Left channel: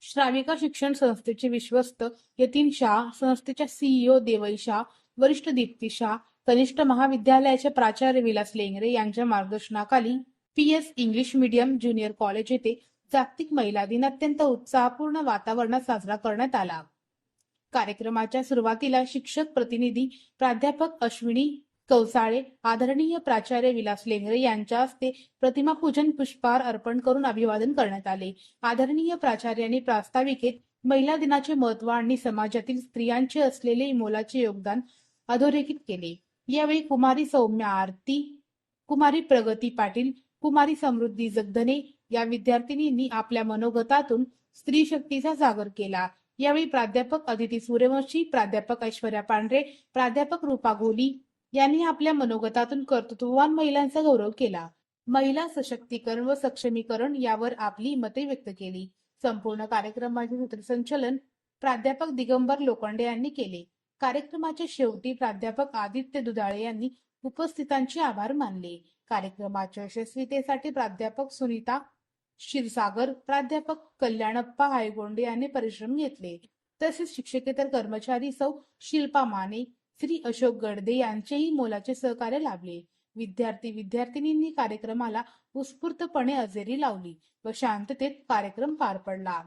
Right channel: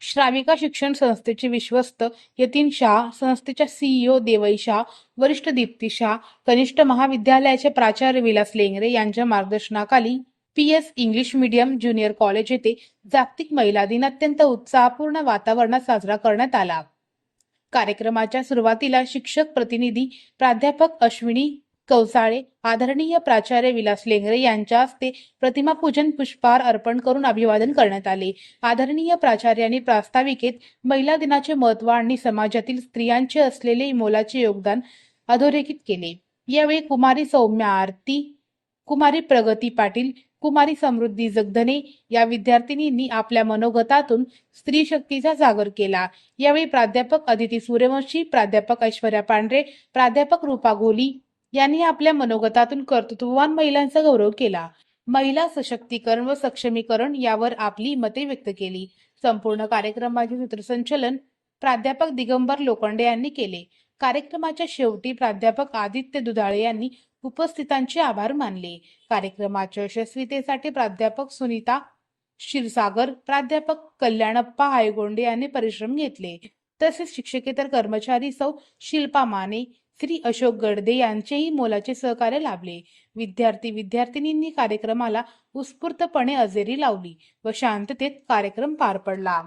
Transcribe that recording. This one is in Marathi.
श्राविका शिक्षण संस्थेचे विश्वस्त यतीन शाह, संस्थेच्या सीईओ देवई शाह, वरिष्ठ दीप्ती शाह, कनिष्ठ महाविद्यालयाचे प्राचार्य विलास लेंगरे यांच्या मार्गदर्शनाखाली PS English medium junior college येथे जागतिक महिला दिन अत्यंत उत्साहपूर्ण वातावरणात साजरा करण्यात आला। कार्यक्रमाच्या सुरुवातीला शिक्षक प्रतिनिधी प्राध्यापक अश्विनी कौसाळे, आदरणीय प्राचार्य विलास लेंगरे यांच्या हस्ते प्रतिमा पूजन, पुष्पहार अर्पण करून अभिवादन करण्यात आले। आदरणीय प्राचार्यांनी प्रास्ताविकेत महिला दिनाचे महत्त्व आणि समाजातील स्त्रियांचे असलेले मोलाचे योगदान अधोरेखित केले। यावेळी कुमारी सौम्या आरती, कुमारी प्रगती पाटील, कुमारी समृद्धी जगधने या विद्यार्थिनींनी आपल्या मनोगतातून स्त्री शक्तीचा जागर केला। यावेळी प्राध्यापक अदिती सूर्यवंशी, प्राध्यापक ऐश्वर्या पांढरे, प्राध्यापक रूपा घोली यांनी आपल्या मनोगतातून कर्तृत्ववान महिलांचा गौरव केला। महिला सशक्तीकरण व सक्षमीकरण यावर आपली मते व्यक्त केली। संपूर्ण कार्यक्रमाचे सूत्रसंचालन प्राध्यापक दिगंबर लोखंडे यांनी केले। कार्यक्रमाच्या शेवटी प्राध्यापक आदित्य दुधाळे यांनी उपस्थितांचे आभार मानले। कार्यक्रमाच्या यशस्वीतेसाठी प्राध्यापक सुनीता क्षीरसागर, प्राध्यापक कल्याणप्पा हायगोंडे यांनी परिश्रम घेतले। तसेच शिक्षकेतर कर्मचारी सौ शिल्पा माने, श्री अशोक गडदे यांचेही मोलाचे सहकार्य लाभले। विद्यार्थी-विद्यार्थिनींनी कार्यक्रमाला उत्स्फूर्तपणे हजेरी लावली व शांततेत कार्यक्रम पार पडला।